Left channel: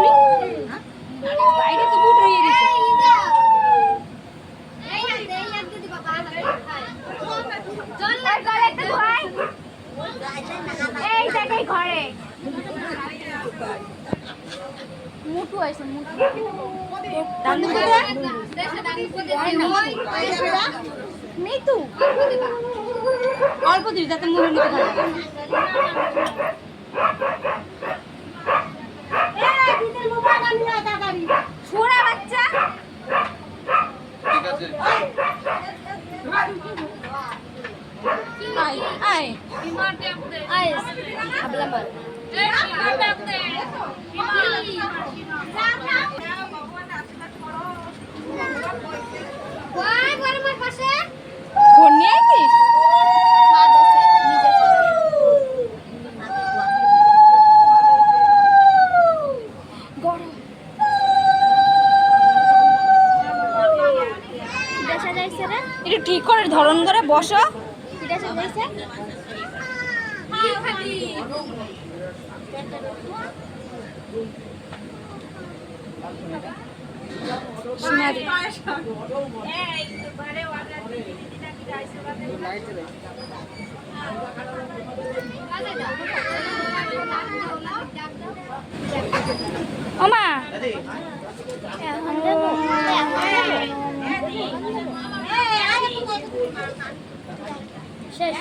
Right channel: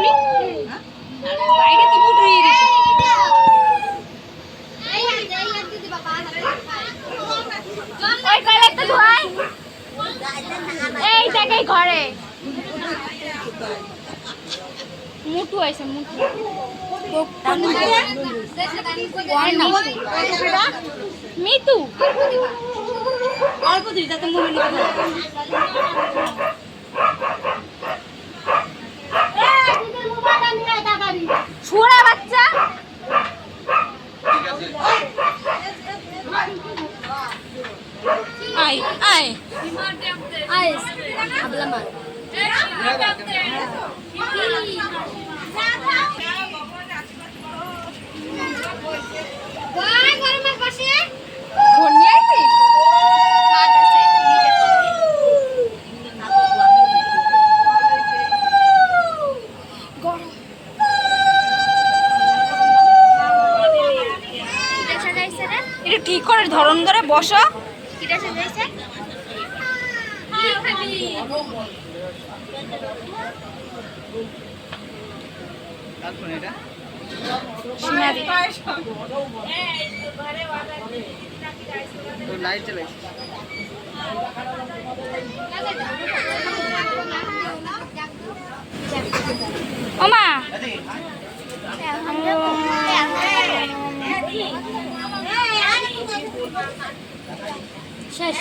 শুনি বাইরে তো বুট হয়ে গেছে ওই কালেক্টর ভাই এই জায়গায় ঘরে মুটু আছে মুটু মিতু অল্প দিন যাতে মনে নিতে ছোড়া বাচ্চা আয় আয় ফোন নিয়ে আসিস একটু ঠিক করে ধরন ধরে বসো ওমা শেষ